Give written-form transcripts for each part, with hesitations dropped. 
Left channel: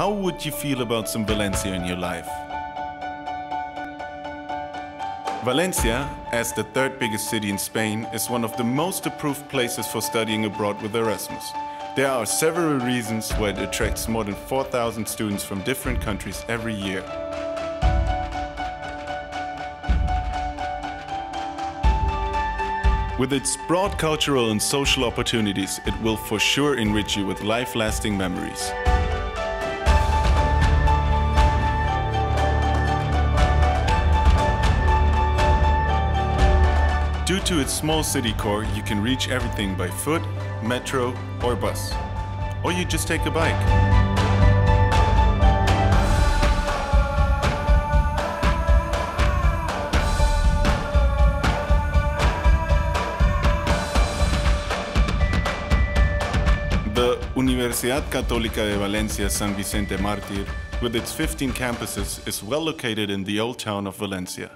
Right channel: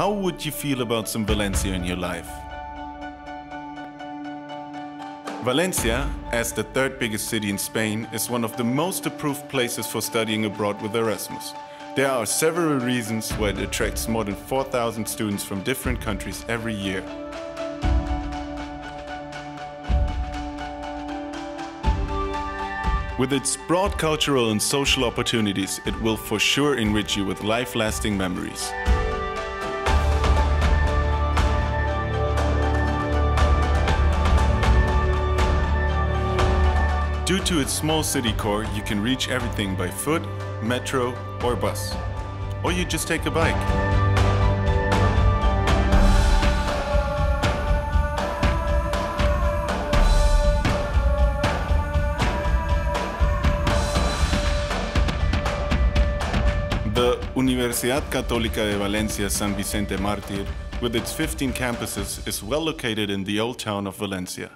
How would you feel about some Valencia in your life? Valencia, as the third biggest city in Spain, is one of the most approved places for studying abroad with Erasmus. There are several reasons why it attracts more than 4,000 students from different countries every year. With its broad cultural and social opportunities, it will for sure enrich you with life-lasting memories. Due to its small city core, you can reach everything by foot, metro or bus. Or you just take a bike. The Universidad Católica de Valencia San Vicente Mártir, with its 15 campuses, is well located in the old town of Valencia.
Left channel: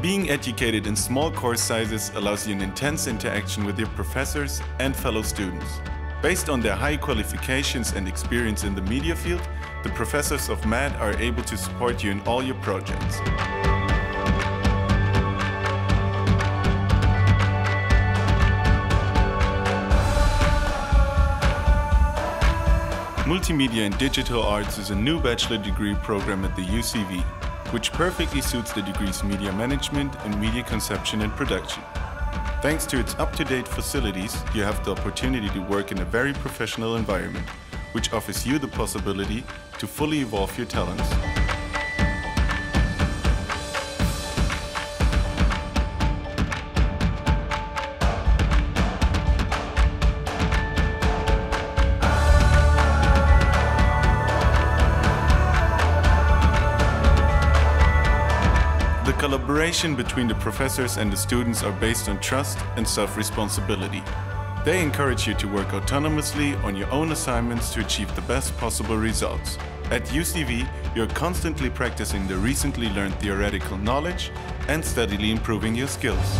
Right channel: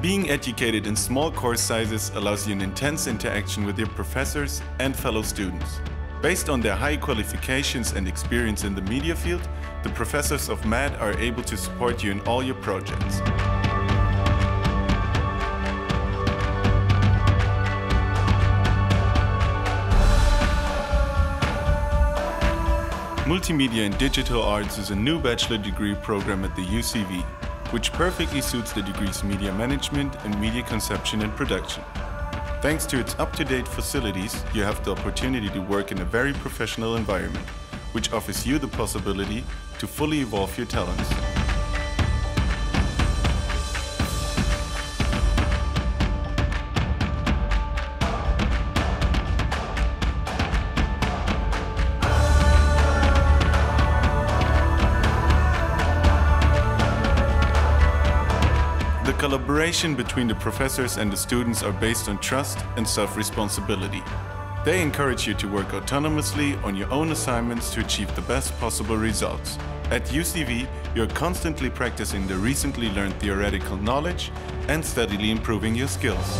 Being educated in small course sizes allows you an intense interaction with your professors and fellow students. Based on their high qualifications and experience in the media field, the professors of MAD are able to support you in all your projects. Multimedia and Digital Arts is a new bachelor degree program at the UCV, which perfectly suits the degree's media management and media conception and production. Thanks to its up-to-date facilities, you have the opportunity to work in a very professional environment, which offers you the possibility to fully evolve your talents. The collaboration between the professors and the students are based on trust and self-responsibility. They encourage you to work autonomously on your own assignments to achieve the best possible results. At UCV, you're constantly practicing the recently learned theoretical knowledge and steadily improving your skills.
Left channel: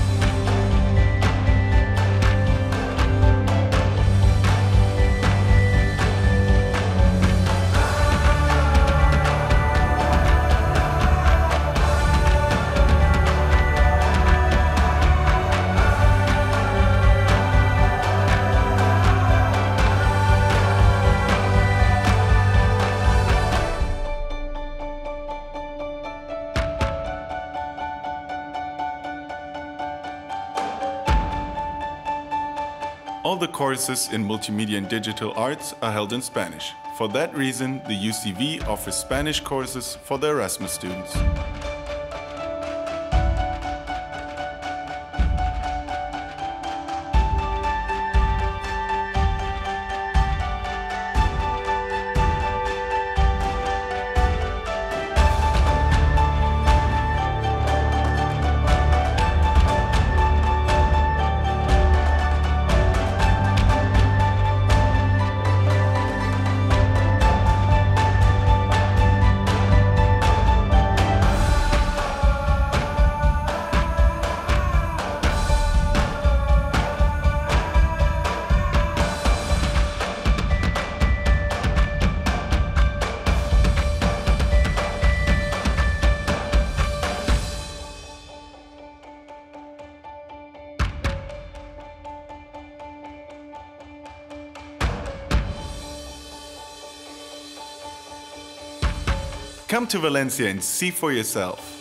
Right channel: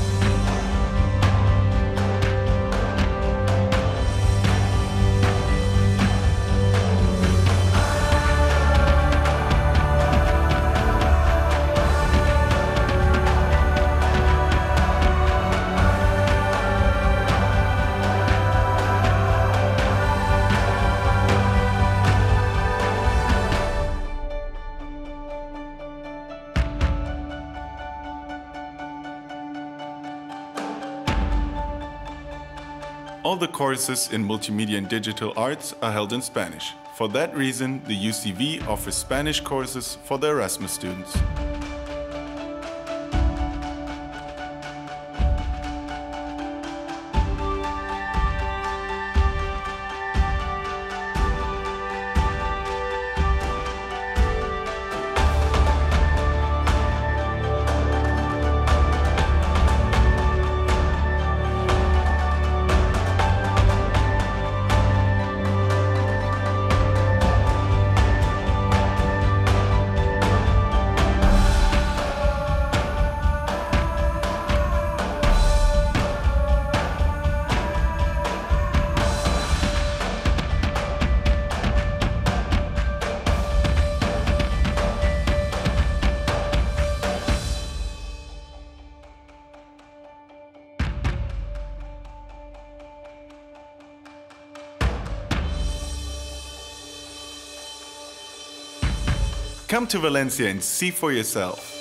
All the courses in Multimedia and Digital Arts are held in Spanish. For that reason, the UCV offers Spanish courses for the Erasmus students. Come to Valencia and see for yourself.